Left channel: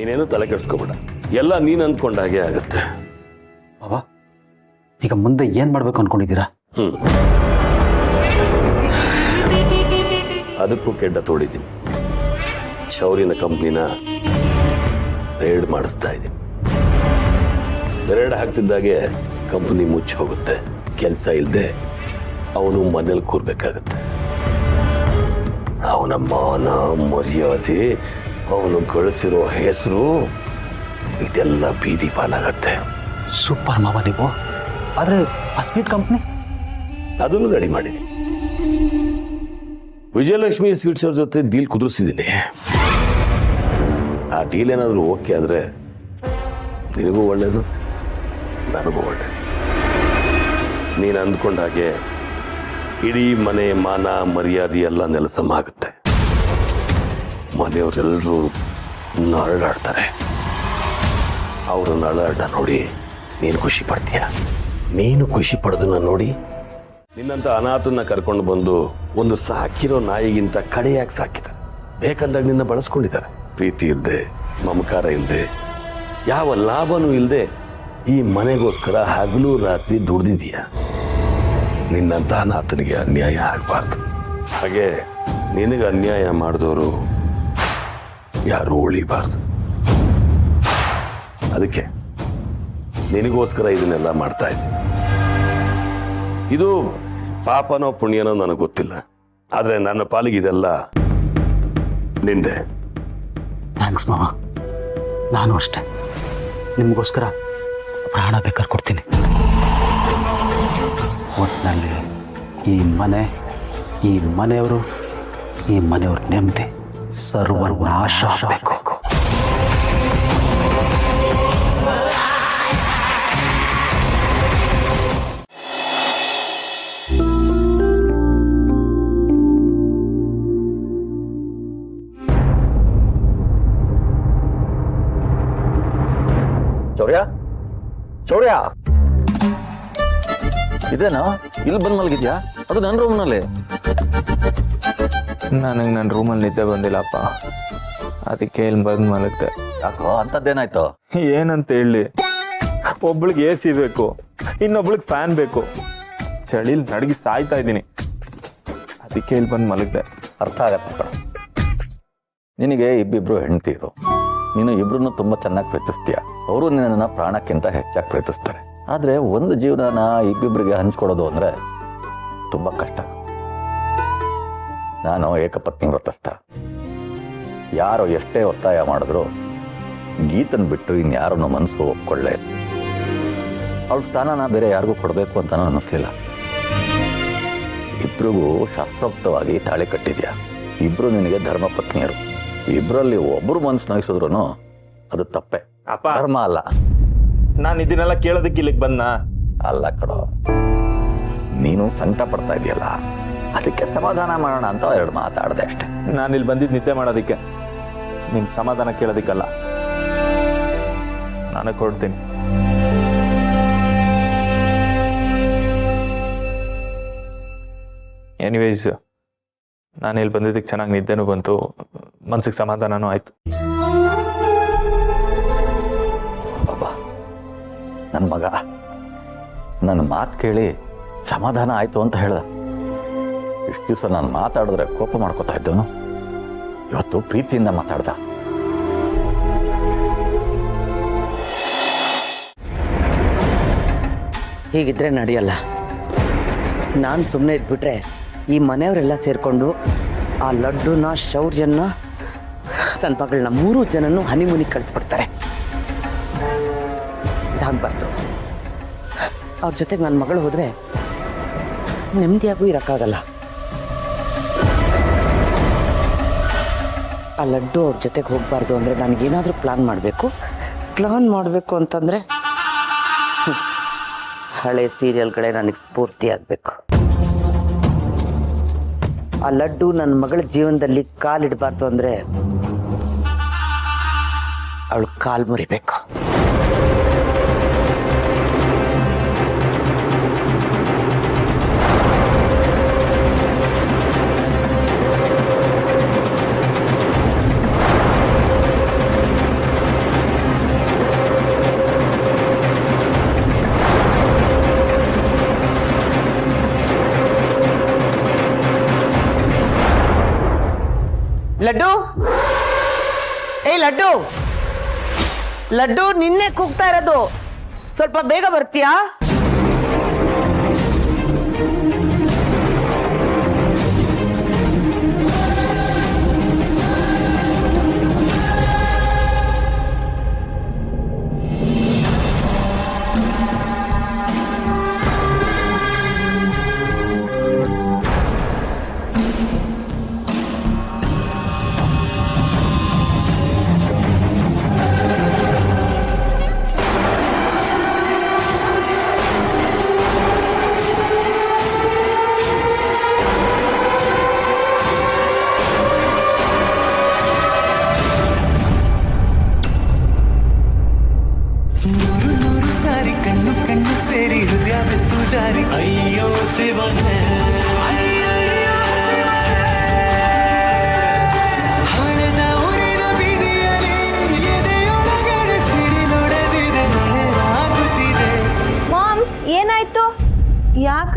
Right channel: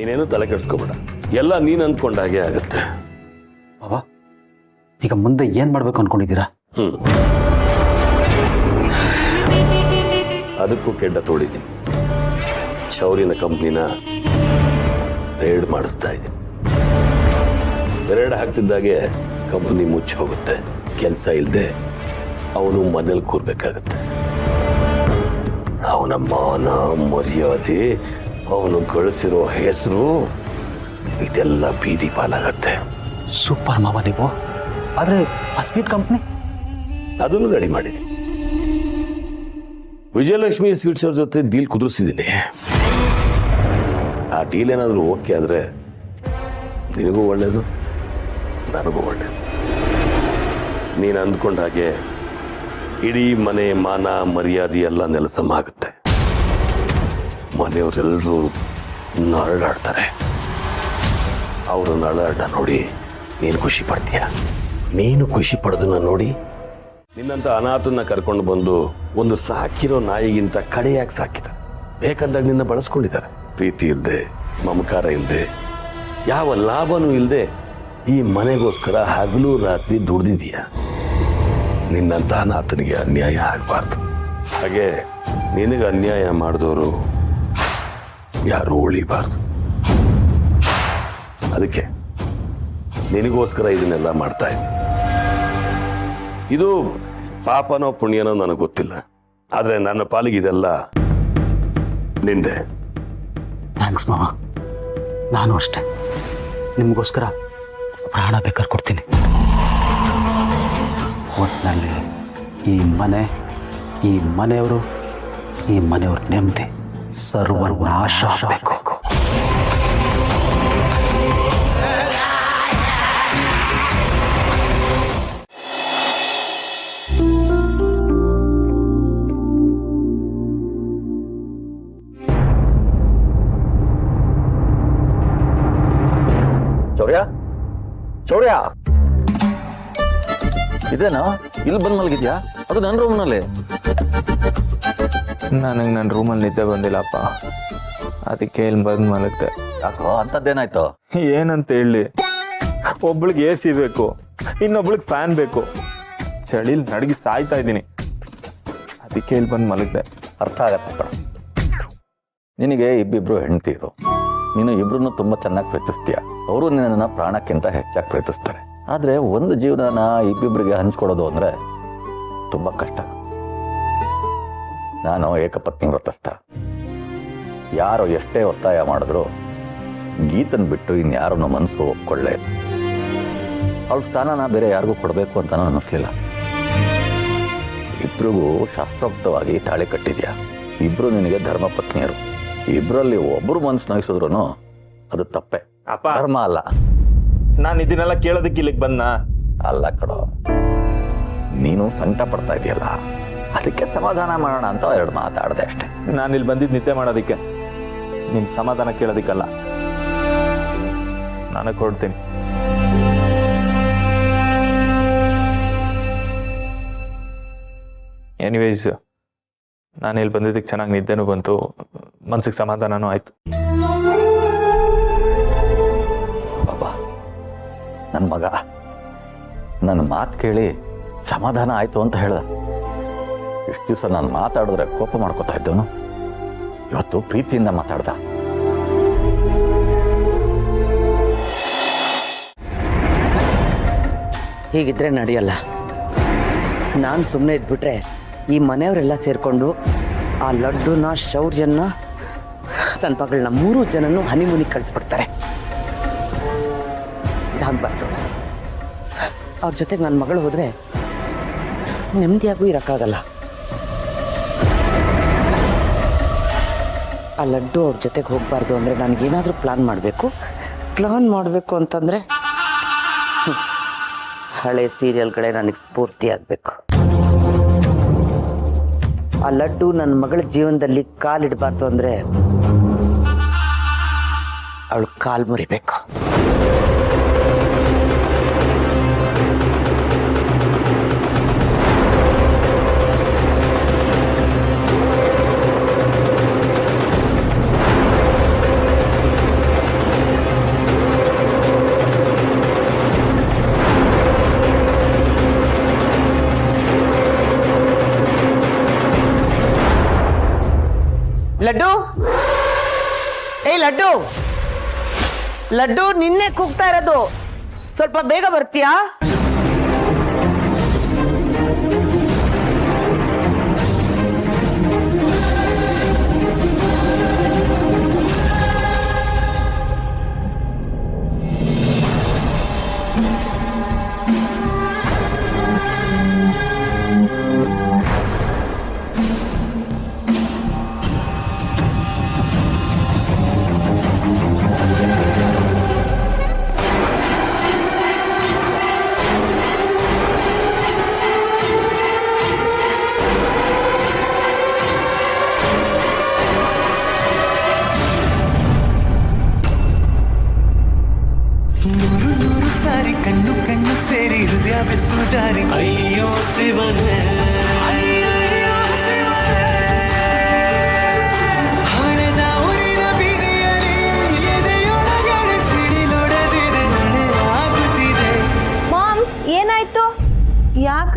ನೀನೇನು ತಲೆ ಕೆಡಿಸ್ಕೋಬೇಡ, ಎಲ್ಲ ನೀನು ಅಂದ್ಕೊಂಡ ಹಾಗೆ ಆಗುತ್ತೆ. ಬಾಬಾ ಈಗ ಮುಂದೆ ಏನ್ ಮಾಡ್ಬೇಕು ಅನ್ಕೊಂಡಿದ್ದೀರಾ? ಅದಕ್ಕೂ ಕೆಡ್ಡ ತೋಡಿದ್ದೀನಿ. ಶೌರ್ಯನ ಕಂಪ್ನಿನ ರೇಡ್ ಮಾಡಿಸ್ತಾ ಇದ್ದೀನಿ. ರೇಡ್ ಹಾಕ್ತಿದ್ದಾಗೆ ಕಂಪ್ನಿ ಮುಚ್ಚಿ ಹೋಗುತ್ತೆ. ಕೆಲಸ ಇಲ್ಲದೆ ಅವನು ಮನೇಲಿ ಕೂರ್ಬೇಕಾಗತ್ತೆ. ಅವನ ಮಾನ ಮರ್ಯಾದೆ, ಅವನು ಗಳಿಸಿರೋ ಹೆಸರು ಇದೆಲ್ಲ ಬೀದಿ ಪಾಲಾಗತ್ತೆ. ಸೂಪರ್ ಮಾವ ನೀವು. ಆದ್ರೆ ಆ ಸ್ವೀಟ್ ಕಂಪ್ನಿ ಅದನ್ನು ರೆಡಿ ಮಾಡಿದ್ದೀನಿ. ವಿಜಯಲಕ್ಷ್ಮಿ ಸ್ವೀಟ್ಸ್ ಅವ್ರ ಜೊತೆ ಡೀಲ್ ಕುದುರಿಸಿದ್ದೀನಿ. ಆ ಡೀಲ್ ಏನಾದರೂ ಓಕೆ ಆದರೆ ನಿನಗೂ ಒಳ್ಳೇದು, ನನಗೂ ಒಳ್ಳೇದು. ನೀನು ಅಂದ್ಕೊಂಡ ಹಾಗೆ ಇಡೀ ಮನೆ ಮಾನ ಮರ್ಯಾದೆ ಎಲ್ಲ ನೆಲಸಮ ಆಗುತ್ತೆ. ಮನೆಯವರೆಲ್ಲರೂ ನರಳಾಡ್ತಾರೆ. ಅವರು ನರಳಾಟ ನೋಡಿ ನೀನು ಖುಷಿ ಪಡ್ತೀಯ. ನೀನು ಖುಷಿ ಪಡೋದನ್ನ ನೋಡಿ ನಿನ್ನಂತ ಅನಾಥನ್ನ ಕರ್ಕೊಂಡು ಬಂದು ಒಂದು ಸಾಕಿರೋ ನಾಯಿಗಿಂತ ಕಡೆಯಾಗಿ ಸಾಕಿದ್ದಾರೆ. ಬೇಕಂದಾಗ ನಿನ್ನ ಬಳಸ್ಕೊಂಡಿದ್ದಾರೆ. ಪ್ರೀತಿ ಇಲ್ಲದೆ, ಮಮಕಾರ ಇಲ್ಲದೆ, ಯಾವ ಲಾಭನೂ ಇಲ್ಲದೆ ಈ ಮನೆಗೋಸ್ಕರ ಹಗಲು ರಾತ್ರಿ ದುಡ್ದಿದೀಯ. ನಿನ್ನಂತ ಅನಾಥನಿಗೆ ಅನ್ಯಾಯ ಆಗಬಾರ್ದು. ಹಾಗೆ ನಿನಗೆ ಅನ್ಯಾಯ ಮಾಡಿದವರು ಯಾರು ಉಳಿಬಾರ್ದು. ಅದಕ್ಕೆ ನಿನಗೋಸ್ಕರ ಇದನ್ನೆಲ್ಲ ಮಾಡ್ತಾ ಇದ್ದೀನಿ. ಇದು ಪಾಪನೋ ಪುಣ್ಯನೋ ನನಗೆ ಗೊತ್ತಿಲ್ಲ, ಆದ್ರೆ ನನ್ನ ಪಾಲಿಗೆ ಇದೆಲ್ಲ ನಿಂದೆ. ಥ್ಯಾಂಕ್ಸ್ ಮಾವ. ನಾನು ಅಷ್ಟೇ ನಿಮಗೋಸ್ಕರ ಪ್ರಾಣ ಬೇಕಾದ್ರೆ ಕೊಡ್ತೀನಿ. ಒಟ್ಟಿನಲ್ಲಿ ಈ ಮನೆ, ಈ ಮನೆಯವರು, ಈ ಮನೆಯವ್ರ ನೆಮ್ಮದಿ ಸರ್ವನಾಶ ಆಗಬೇಕು. ಶೌರ್ಯ, ಶೌರ್ಯ, ಇದೇನಾ ಇಲ್ಲಿ ಬಂದ್ ಮಲಗಿದ್ಯಾ? ಅದು ನನ್ನ ರೂಮ್ನಲ್ಲಿ. ನನಗೆ ನನ್ನ ರೂಮಲ್ಲಿ ನಿದ್ದೆ ಬಂದಿಲ್ಲಪ್ಪ, ಅದಕ್ಕೆ ಇಲ್ಲಿ ಬಂದು ಮಲಗ್ದೆ. ಯಾಕೋ ಅಂತದ್ದೇನಾಯ್ತು? ಏನಂತ ಹೇಳಿ, ಒಬ್ಳಿಗೆ ಎ ಸಿ ಬೇಕು, ಇನ್ನೊಬ್ಳಿಗೆ ಫ್ಯಾನ್ ಬೇಕು. ಚಳಿಲಿ ನಡಗಿ ಸಾಯ್ತಾ ಇದ್ದೀನಿ, ಅದಕ್ಕೆ ಇಲ್ಲಿ ಬಂದು ಮಲಗ್ದೆ. ಅರ್ಥ ಆಗತ್ತಪ್ಪ. ನಿನಗೆ ಇಬ್ಬಿಬ್ರು ಹೆಂಡ್ತೀರು, ನೀನು ಇಬ್ರು ತುಂಬಾ ಚೆನ್ನಾಗಿ ಪ್ರೀತಿಸ್ತೀಯ. ಅವರು ನಿನ್ನನ್ನ ಪ್ರಾಣಕ್ಕಿಂತ ಹೆಚ್ಚಾಗಿ ಪ್ರೀತಿಸ್ತಾರೆ. ಆದ್ರೆ ಒಂದು ಜೀವನನ ಇಬ್ಬಿಬ್ರಿಗೆ ಹಂಚ್ಕೊಡೋದು ಅಂದ್ರೆ ತುಂಬಾ ಕಷ್ಟ. ನಾನು ಏಕಪತ್ನಿ ವ್ರತಸ್ಥ. ಯಾರು ಎಷ್ಟೇ ಒತ್ತಾಯ ಮಾಡಿದ್ರು ಗೀತನ್ ಬಿಟ್ಟು ಇನ್ಯಾರನ್ನ ಮನಸ್ಸು ಒಪ್ಕೊಳ್ಳೆ. ಅವಳ ಸ್ಥಾನನ ಬೇರೆ ಯಾರಿಗೂ ಕೊಡಬೇಕು ಅಂತ ಅನ್ನಿಸ್ಲಿಲ್ಲ. ಇಬ್ರಿಗೂ ಶಾಸ್ತ್ರೋಕ್ತವಾಗಿ ತಾಳಿ ಕಟ್ಟಿದ್ಯಾ. ಇಬ್ರು ನಿನಗೆ ಧರ್ಮ ಪತ್ನಿಯರು. ಇಬ್ರಲ್ಲಿ ಒಬ್ರು ಮನಸ್ಸು ನೋಯಿಸಿದ್ರು ಅದು ತಪ್ಪೆ, ಅಪ್ಪ ಧರ್ಮ ಅಲ್ಲ. ನಾನು ಇದನ್ನೆಲ್ಲ ಕೇಳೋದಕ್ಕೆ ಇಲ್ಲಿಗೆ ಬಂದ ಅಲ್ಲ ಕಡೋ, ನೀನು ಸಂಕಟ ಪಡ್ತಾ ಇದೆಯಲ್ಲ, ಅದಕ್ಕೆ ಸಮಾಧಾನ ಮಾಡೋಣ ಅಂತ ಎರಡು ಮಾತಾಡ್ದೆ ಅಷ್ಟೆ. ನಾನು ಇಲ್ಲಿ ಬಂದಿದ್ದು ನಿದ್ದೆ ಮಾಡೋದಕ್ಕೆ, ನಿಮ್ ಸಮಾಧಾನ ಕೇಳೋದಿಕ್ಕಲ್ಲ. ನಾನು ಕೊಡ್ತೀನಿ. ಎನಿವೇಸ್, ನಾನು ಇಲ್ಲಿ ಬಂದಿದ್ದಕ್ಕೆ ಚೆನ್ನಾಗಿ ನಿದ್ದೆನೂ ಬಂತು, ಮನ್ಸಿಗೆ ಸಮಾಧಾನನೂ ಆಯ್ತು. ಬಾಬಾ, ನನ್ನ ಮಗ ನನ್ನ ಮಾತು ಕೇಳಿ ಸಮಾಧಾನ ಆಯ್ತು ಅಂತ ಹೇಳ್ದ. ಇಷ್ಟು ದಿವಸ ನಾನು ಮಾತಾಡಿದ್ರೆ ಕೋಪ ಮಾಡ್ಕೋತಾ ಇದ್ದವನು ಇವತ್ತು ಪ್ರೀತಿಯಿಂದ ಮಾತಾಡ್ದ. ಹೀಗಿದ್ರೆ ನಡೆಯಲ್ಲ. ನಾನು ಸುಮ್ಮನೆ ಇದ್ಬಿಟ್ರೆ ಈ ಮನೆಯವರೆಲ್ಲ ಸೇರ್ಕೊಂಡು ಆ ಲಡ್ಡುನ, ಶೌರ್ಯನ, ನನ್ನ ಮಗಳನ್ನ 3 ಜನನು ಹನಿಮೂನಿಗೆ ಕಳಿಸ್ಬಿಡ್ತಾರೆ. ಇದಾಗಬಾರ್ದು. ಅವ್ರ ಜೊತೆಗೆ ನನ್ನ ಮಗಳು ಹೋದ್ರೆ ನೆಮ್ಮದಿಯಾಗೂ ಇರೋಕ್ಕಾಗಲ್ಲ. ಆ ಲಡ್ಡು ಅವ್ರ ಜೊತೆಗೆ ಹೋಗ್ಬಾರ್ದು ಅಂದ್ರೆ ನನಗೇನಾದ್ರೂ ಪ್ಲಾನ್ ಮಾಡಬೇಕು ಅಂತಂದ್ರೆ ಹಳೆ ಸೀರಿಯಲ್ಗಳೇ ನನಗೆ ಸ್ಫೂರ್ತಿ ಆಗಬೇಕು. ಆ ಲಡ್ಡು ನನ್ನ ಮಗಳ ಜೀವನದಲ್ಲಿ ಕಾಲಿಡಬಾರ್ದು ಅಂದ್ರೆ ಅವಳು ಕಾಲ್ ಮುರಿಬೇಕು. ಲಡ್ಡು, ಏಯ್ ಲಡ್ಡು, ಲಡ್ಡು ನಿನ್ನೆ ಕೂಗ್ತಾ ಇರೋದು, ಸ್ವಲ್ಪ ಬೇಗ ಬರ್ತೀಯಾ? ನೂರು ನೂರು ಸಾರಿ ಕಣ್ಣು ಕಣ್ಣು ಸೇರಿ ಹೃದಯ ಬಿತ್ತು ಜಾರಿ ಅಯ್ಯೋ ಶಿವನೇ ಹಳೆದ ಊರಿನ ಬೀದಿಯಲ್ಲಿ ಎದೆಯೊಳಗಡೆ ಸಿಡಿಲೊಡೆದಿದೆ ಮಳೆ ಆಗುತ್ತಿದೆ. ಮಾಮ್ ಏನಾಯ್ತು? ಯಾಕ